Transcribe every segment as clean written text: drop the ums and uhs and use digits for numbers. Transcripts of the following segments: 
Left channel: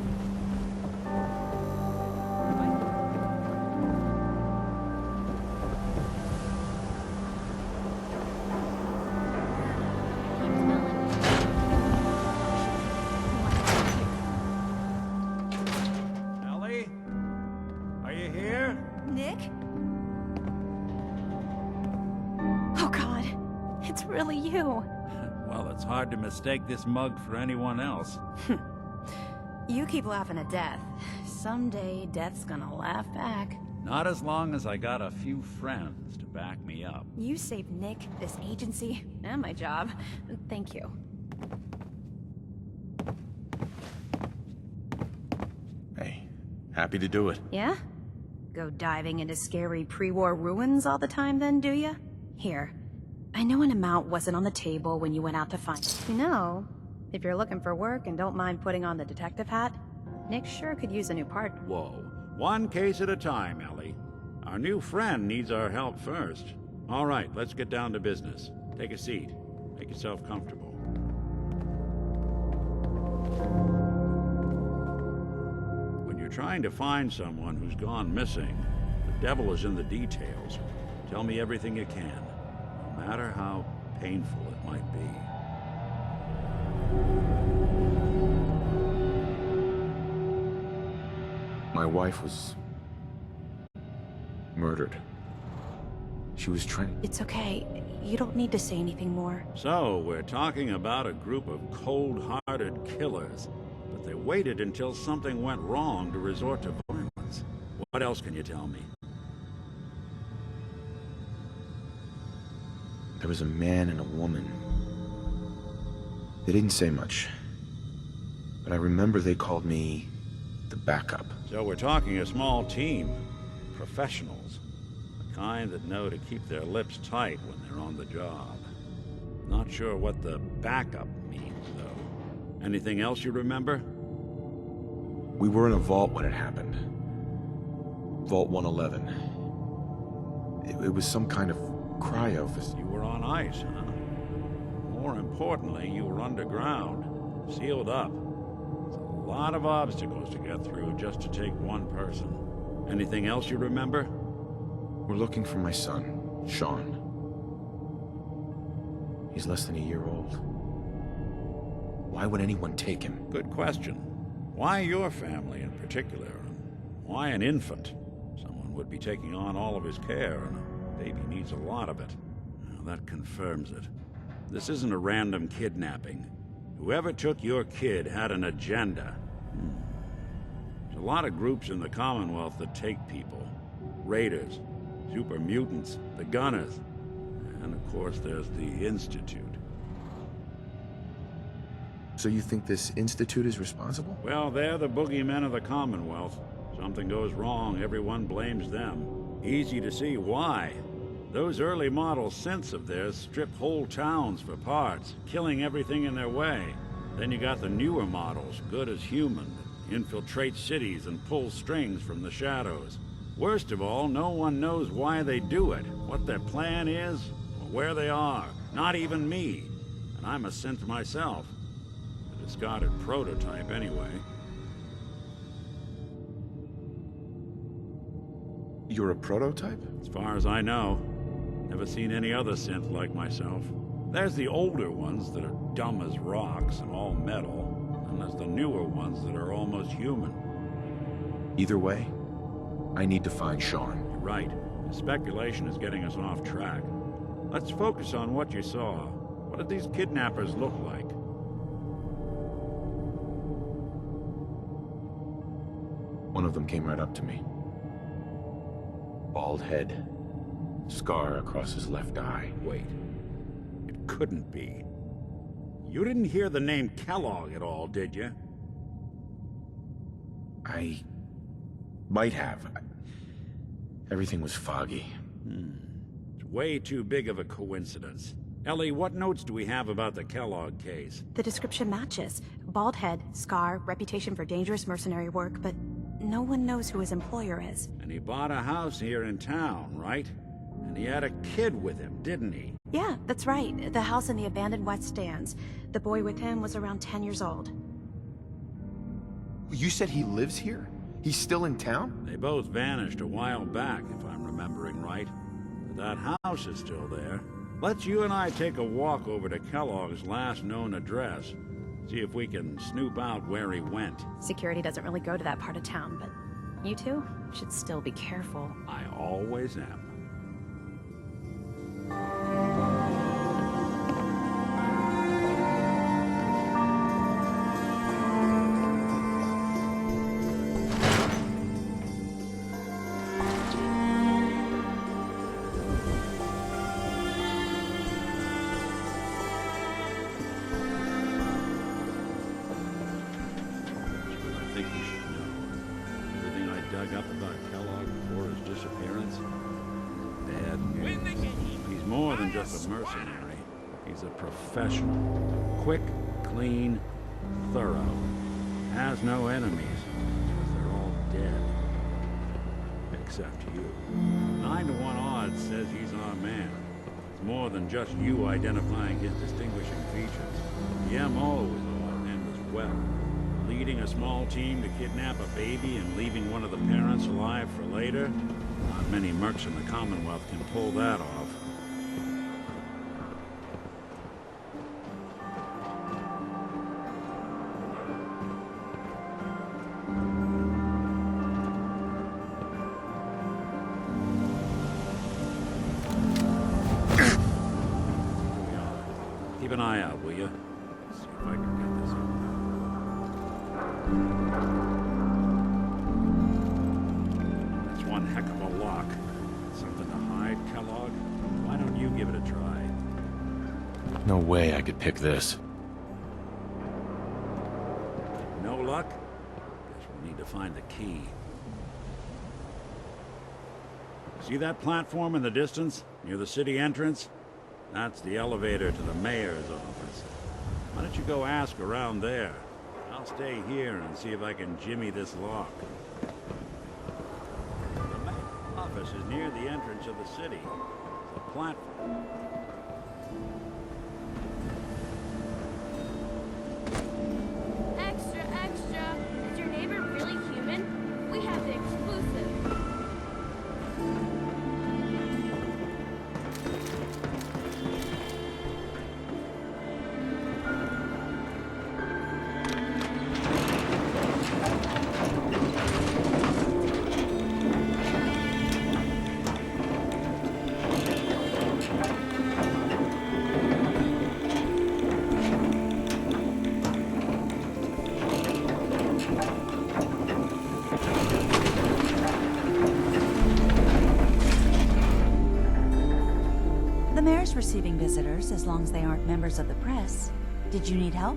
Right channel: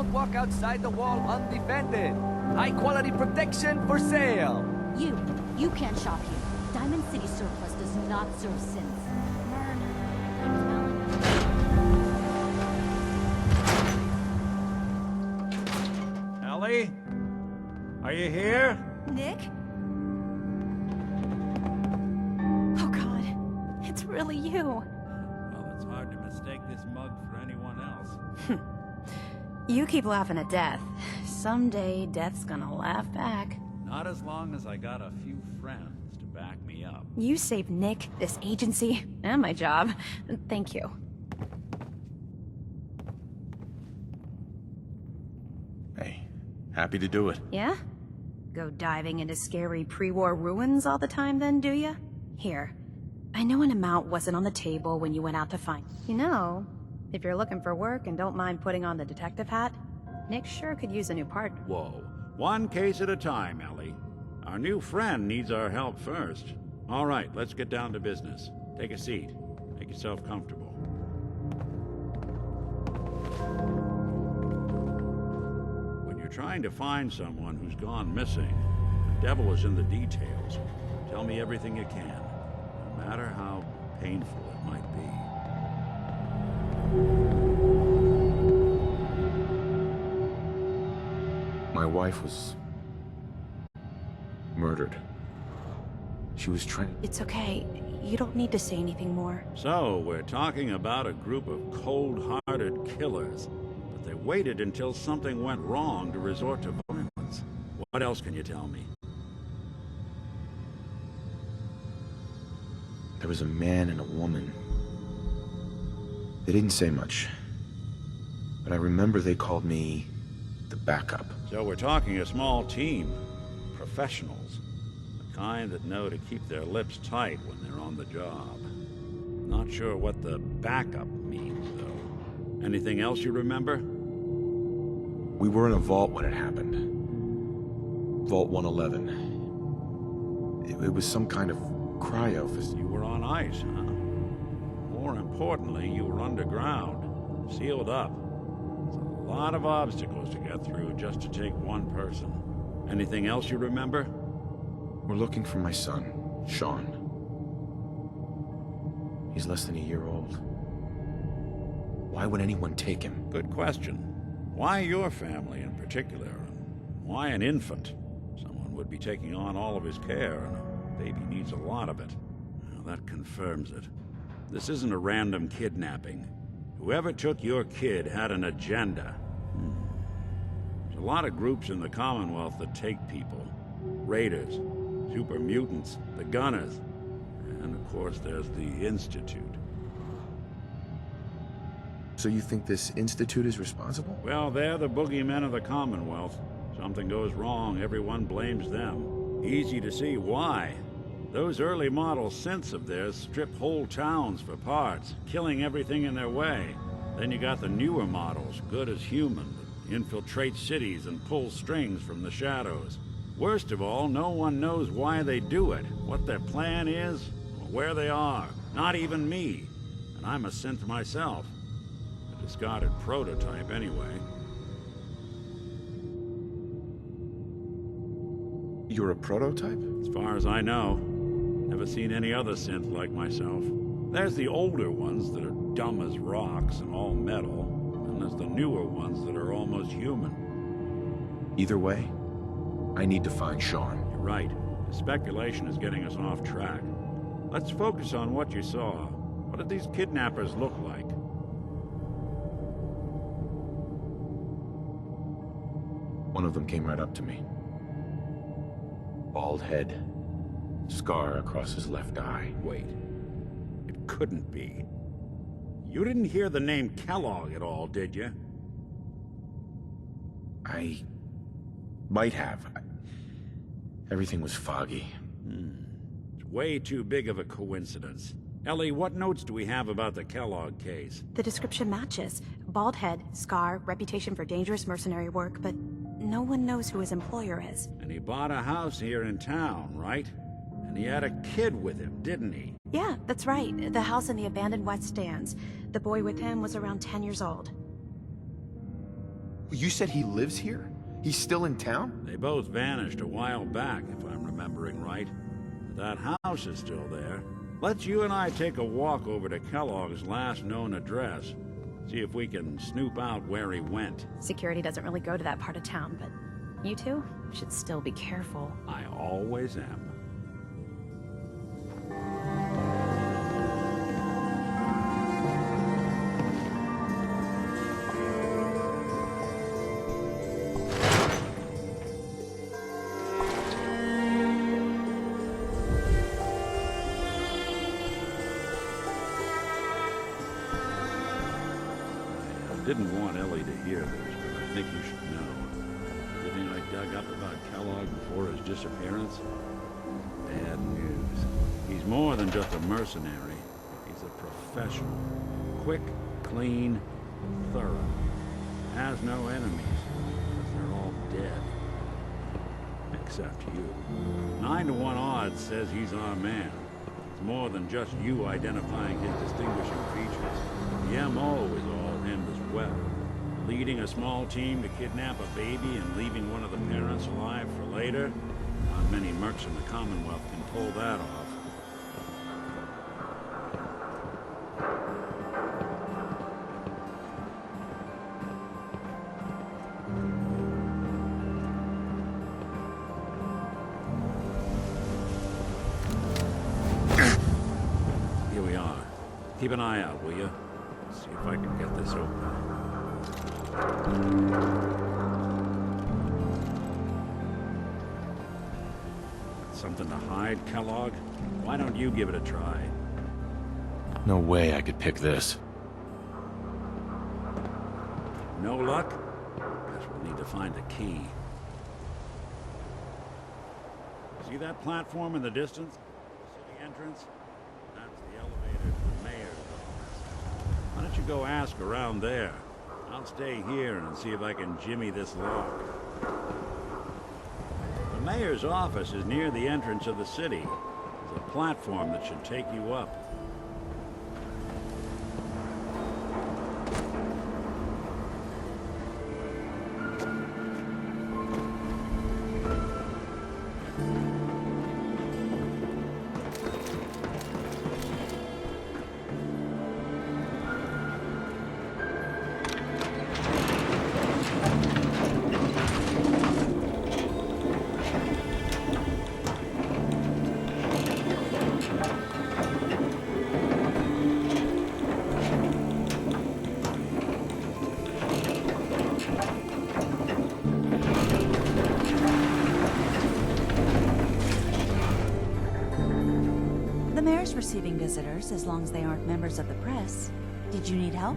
Don't walk outside the wall undefended. High quality protection for sale. You can't shop here. Diamond City surplus does not serve sins. Myrna, keep telling me. Ellie? Are you here? Nick? Oh God, it's really you. Well, it's hard to mistake this mug for anyone else. You keep laughing at death. Someday, death's gonna laugh back. Not as long as I got a few friends to back me up. You saved Nick, this agency, and my job. Thank you. Hey, happy to do it. Yeah? Go diving into scary pre-war ruins all the time then, do ya? Here. I know an amount wasn't on the table when you went out to find it. You know, if you're looking for work and don't mind putting on the detective hat, Nick sure could use a new partner. Whoa. One case at a time, Ellie. Our new friend needs our help first. All right, let's get down to business. Take a seat. Make yourself comfortable. When you're trying to find someone who's gone missing, the devil is in the details. Tell me everything you can, no matter how painful it might be. My wife was murdered. She was trained. It's okay. You don't need to say anything more. So, we're talking about a group of cold-hearted killers, but they waited until something went wrong to resort to violence. What else can you tell me? There was a man and a woman. They didn't say much, but I remember they called me the backup. So we're talking a small team. Professionals. The kind that know to keep their lips tight when they're on the job. Not sure what the backup means, though. Anything else you remember? We were in a vault when it happened. Vault 111. It was some kind of cryo facility. You were on ice, huh? More importantly, you were underground. Sealed up. It's a lot of obstacles to get through just to take one person. Anything else you remember? We're looking for my son, Sean. He's less than a year old. Why would anyone take him? Good question. Why your family in particular? And why an infant? Someone would be taking on all of his care, and a baby needs a lot of it. Well, that confirms it. This isn't a random kidnapping. Whoever took your kid had an agenda. There's a lot of groups in the Commonwealth that take people. Raiders, super mutants, the Gunners, and of course there's the Institute. So you think this Institute is responsible? Well, they're the boogeymen of the Commonwealth. Something goes wrong, everyone blames them. Easy to see why. Those early model synths of theirs strip whole towns for parts, killing everything in their way. Then you got the newer models, good as human, that infiltrate cities and pull strings from the shadows. Worst of all, no one knows why they do it, what their plan is, or where they are. Not even me. And I'm a synth myself. A discarded prototype, anyway. You're a prototype? As far as I know. Never seen any other synth like myself. There's the older ones that are dumb as rocks and all metal, and there's the newer ones that are almost human. Either way, I need to find Sean. You're right. The speculation is getting us off track. Let's focus on what you saw. What did these kidnappers look like? One of them came right up to me. Bald head. Scar across his left eye. Wait. It couldn't be. You didn't hear the name Kellogg at all, did you? I might have. Everything was foggy. It's way too big of a coincidence. Ellie, what notes do we have about the Kellogg case? The description matches. Bald head, scar, reputation for dangerous mercenary work, but no one knows who his employer is. And he bought a house here in town, right? And he had a kid with him, didn't he? Yeah, that's right. The house in the abandoned West Stands. The boy with him was around 10 years old. You said he lives here? He's still in town? They both vanished a while back, if I'm remembering right. But that house is still there. Let's you and I take a walk over to Kellogg's last known address. See if we can snoop out where he went. Security doesn't really go to that part of town, but you two should still be careful. I always am. I didn't want Ellie to hear this, but I think you should know. Everything I dug up about Kellogg before his disappearance, bad news. He's more than just a mercenary. He's a professional. Quick, clean, thorough. Has no enemies, because they're all dead. Except you. 9 to 1 odds says he's our man. It's more than just you identifying his distinguishing features. The MO is all him as well. Leading a small team to kidnap a baby and leaving one of the parents alive for later? Not many mercs in the Commonwealth can pull that off. Here we are. Keep an eye out, will you? See if I can get this open. It's one heck of a lock. Got something to hide, Kellogg? Why don't you give it a try? No way I could pick this. No luck? Guess we'll need to find the key. See that platform in the distance, near the city entrance? That's the elevator to the mayor's office. Why don't you go ask around there? I'll stay here and see if I can jimmy this lock. The mayor's office is near the entrance of the city. There's a platform that should take you up. Extra, extra. Is your neighbor really human? We have the exclusive. The mayor's receiving visitors as long as they aren't members of the press. Did you need help?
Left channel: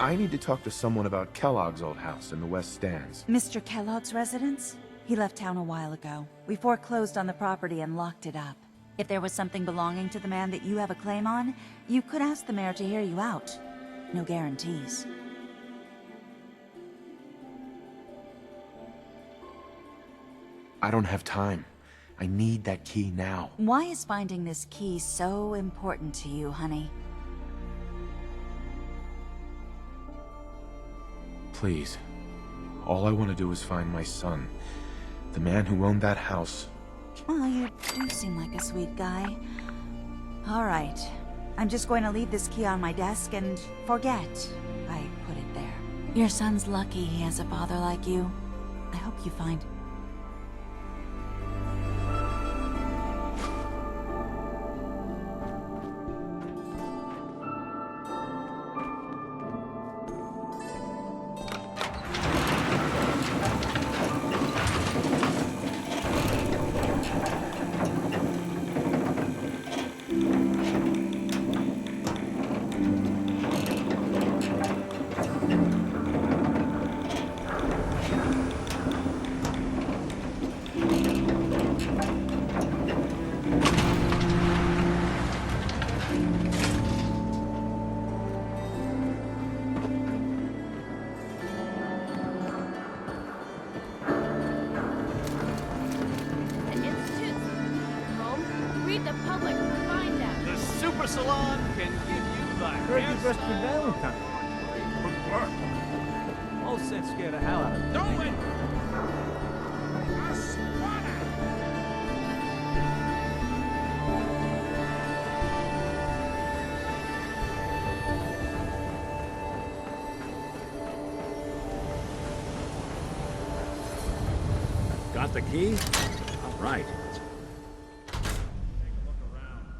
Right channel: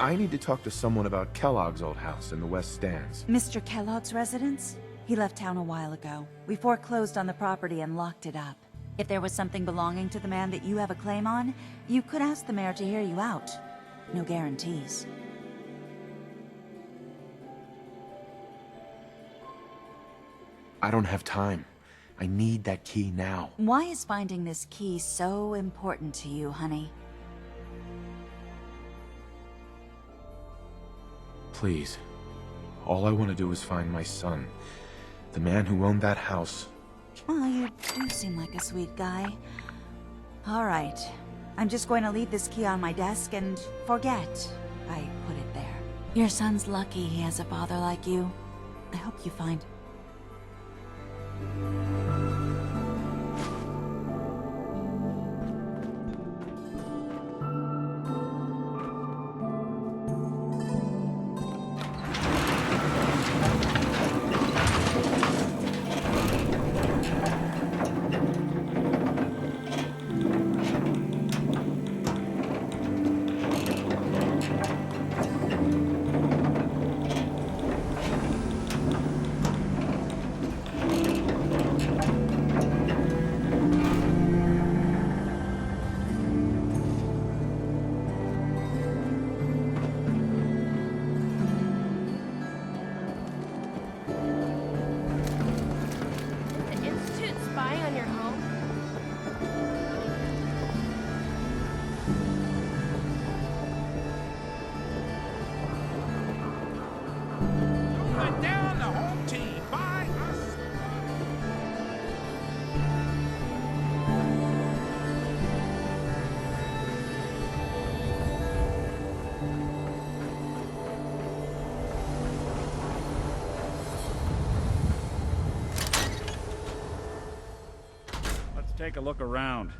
I need to talk to someone about Kellogg's old house in the West Stands. Mr. Kellogg's residence? He left town a while ago. We foreclosed on the property and locked it up. If there was something belonging to the man that you have a claim on, you could ask the mayor to hear you out. No guarantees. I don't have time. I need that key now. Why is finding this key so important to you, honey? Please. All I want to do is find my son. The man who owned that house. Well, you do seem like a sweet guy. All right. I'm just going to leave this key on my desk and forget I put it there. Your son's lucky he has a father like you. I hope you find... The Institute spying on your home? Read the public to find that. The Super Salon can give you the answers. a look around.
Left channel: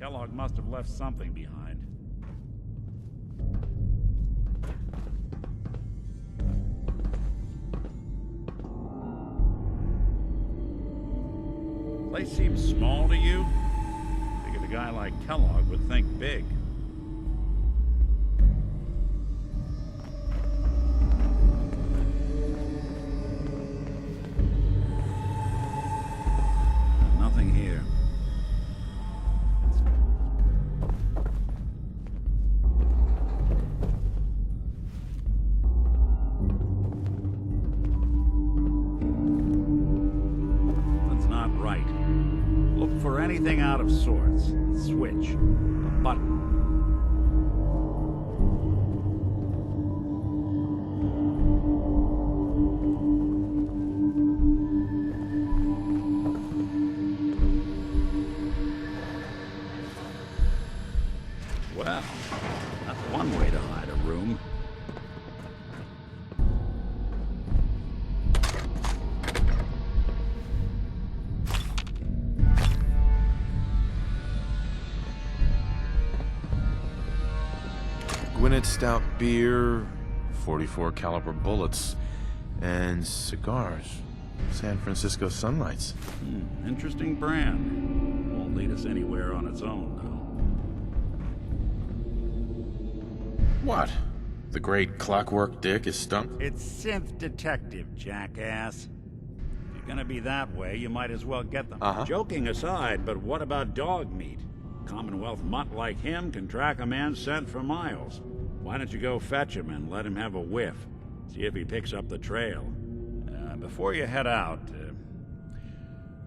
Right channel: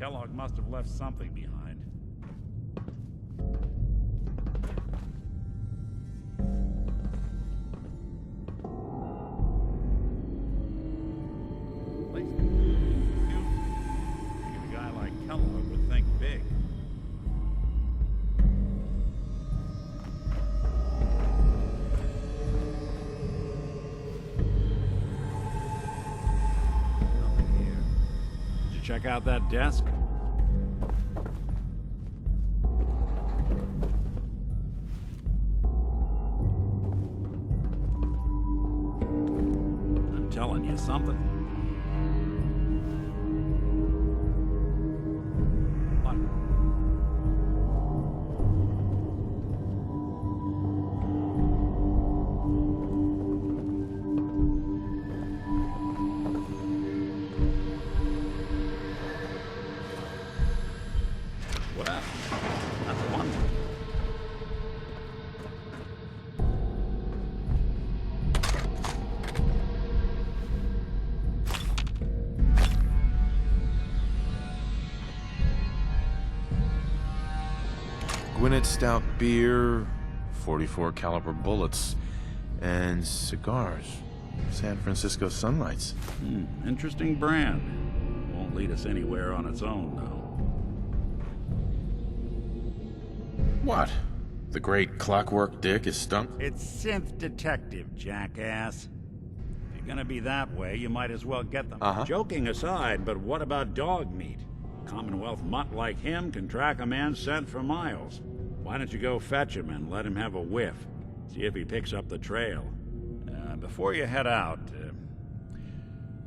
Kellogg must have left something behind. Place seems small to you? Figured a guy like Kellogg would think big. Nothing here. Did you check out that desk? I'm telling you, something's not right. Look for anything out of sorts. Switch. A button. Well, that's one way to hide a room. Gwinnett stout beer, 44 caliber bullets, and cigars. San Francisco Sunlights. Interesting brand. Won't lead us anywhere on its own, though. What? The great Clockwork Dick is stumped? It's synth detective, jackass. If you're gonna be that way, you might as well get them. Joking aside, but what about dog meat? Commonwealth mutt like him can track a man's scent for miles. Why don't you go fetch him and let him have a whiff? See if he picks up the trail. Before you head out,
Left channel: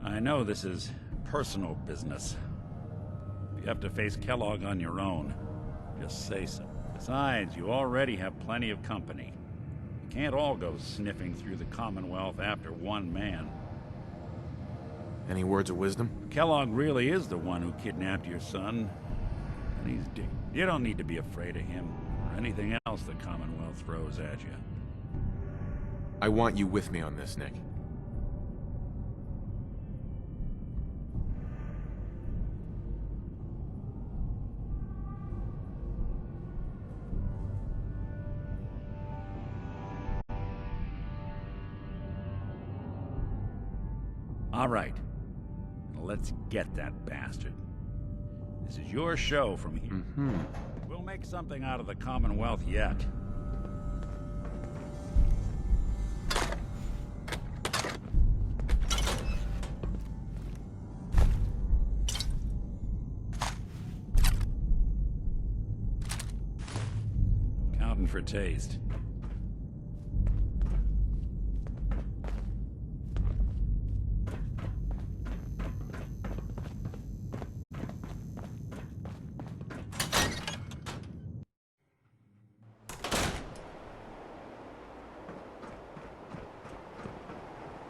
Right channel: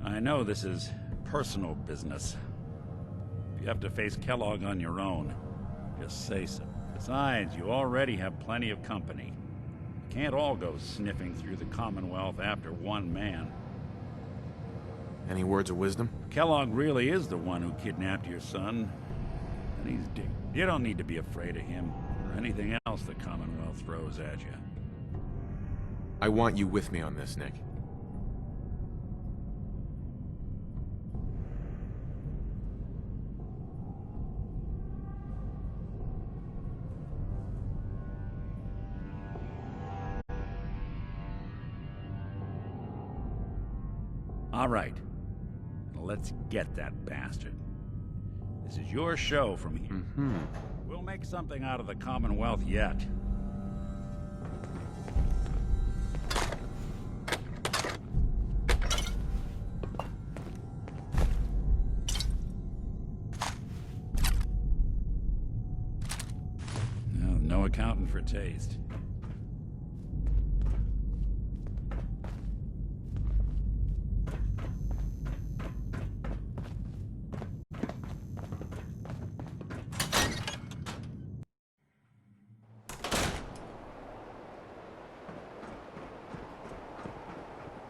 I know this is personal business. If you have to face Kellogg on your own, just say so. Besides, you already have plenty of company. You can't all go sniffing through the Commonwealth after one man. Any words of wisdom? Kellogg really is the one who kidnapped your son, and he's dead. You don't need to be afraid of him or anything else the Commonwealth throws at you. I want you with me on this, Nick. All right. Now let's get that bastard. This is your show from here. We'll make something out of the Commonwealth yet. No accounting for taste.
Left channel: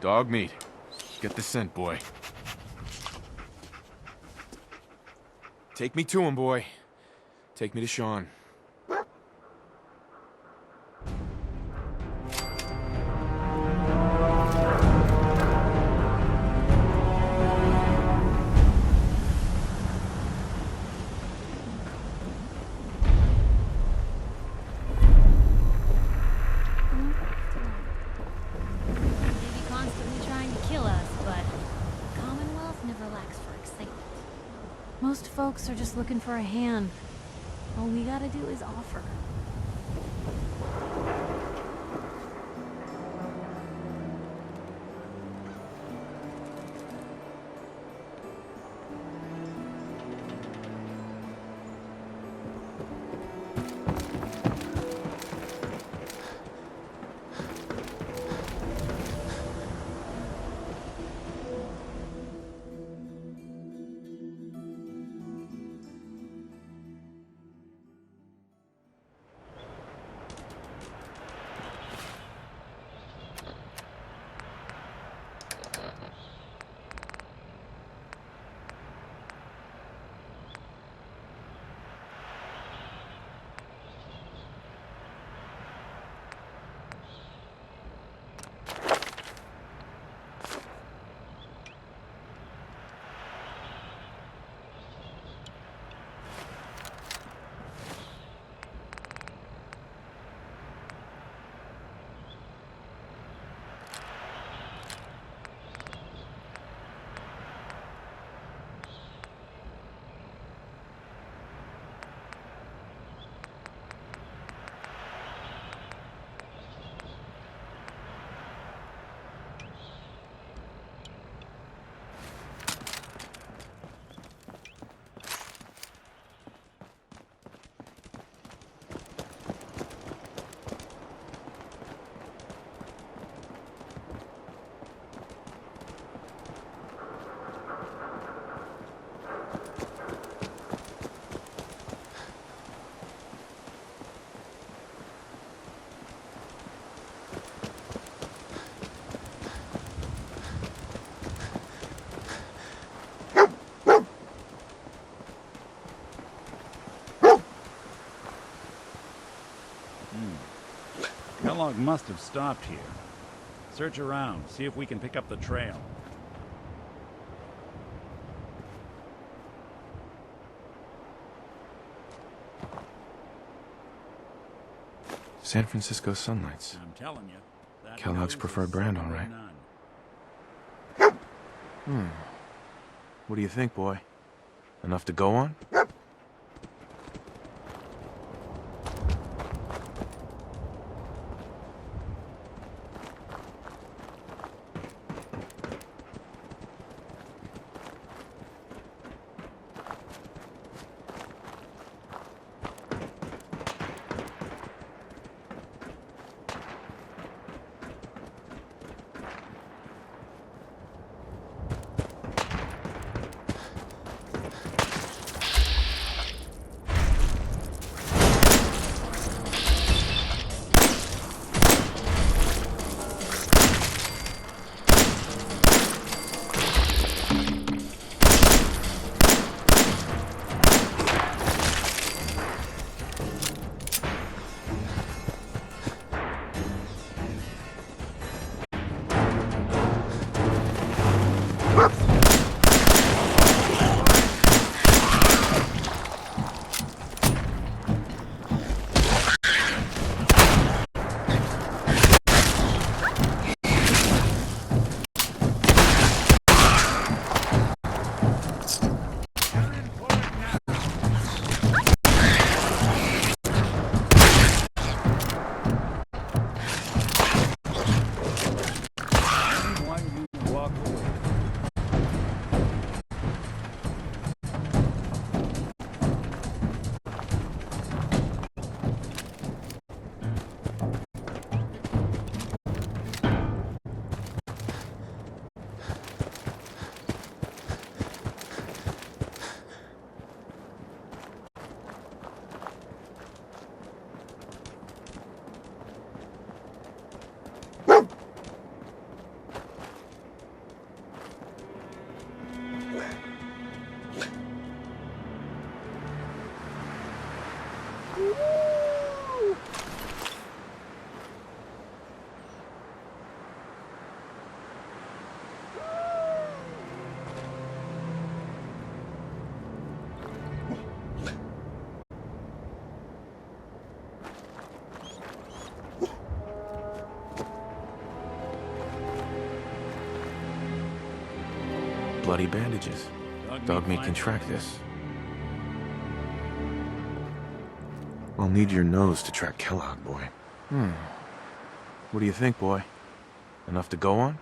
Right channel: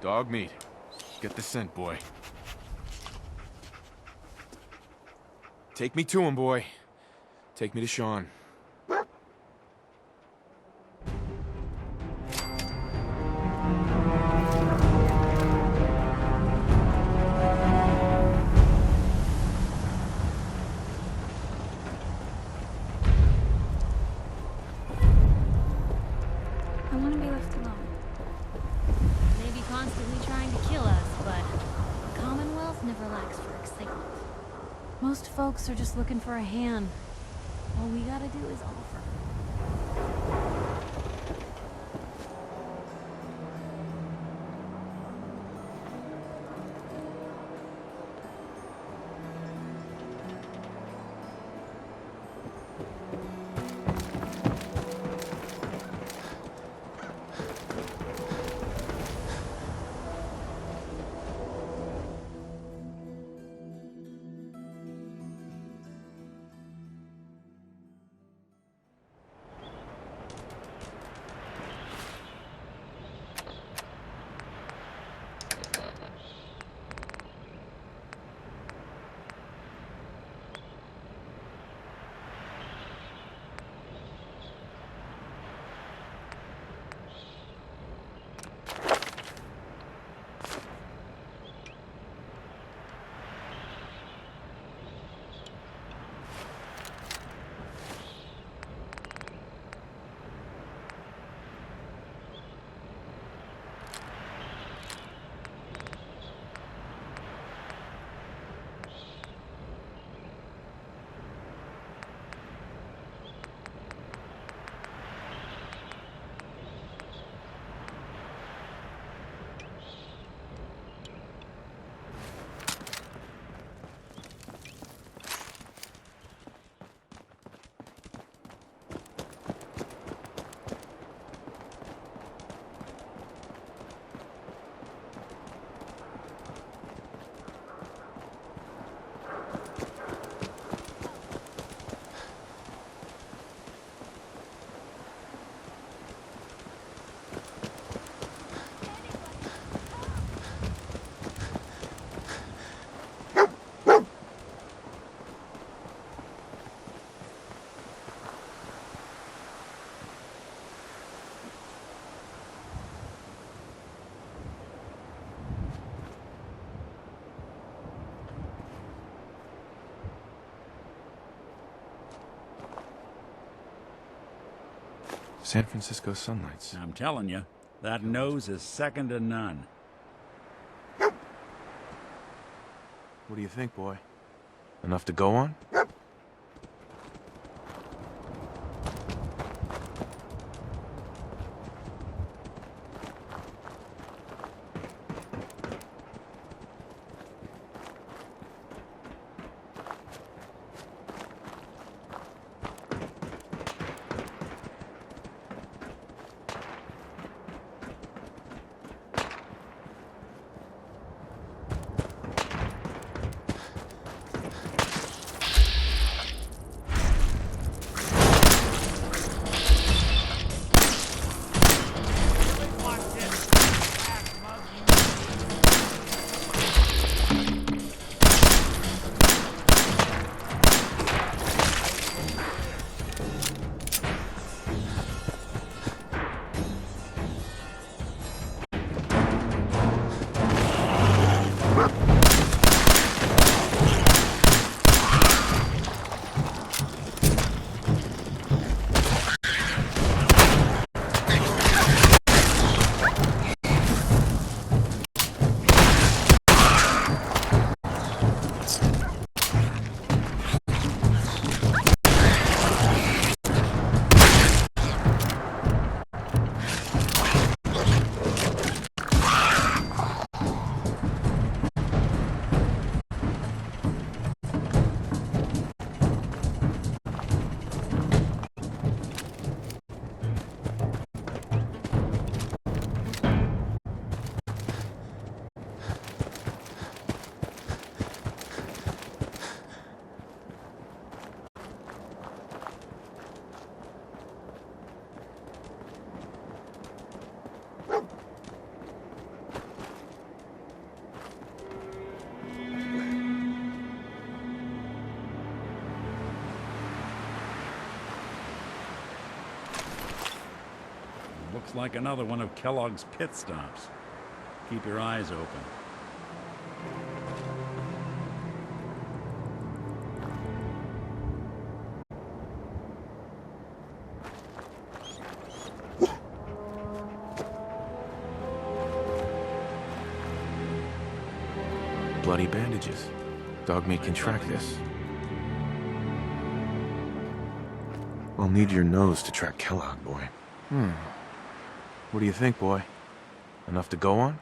Dog meat. Get the scent, boy. Take me to him, boy. Take me to Sean. I want to be left alone. Maybe constantly trying to kill us, but the Commonwealth never lacks for excitement. Most folks are just looking for a hand. All we gotta do is offer. Kellogg must have stopped here. Search around, see if we can pick up the trail. San Francisco sunlights. I'm telling you, that Kellogg's nose preferred is brand, second to all right. none. What do you think, boy? Enough to go on? Looks like another one of Kellogg's pit stops. Keep your eyes open. Bloody bandages. Dog meat can track this. I'll need your nose to track Kellogg, boy. What do you think, boy? Enough to go on?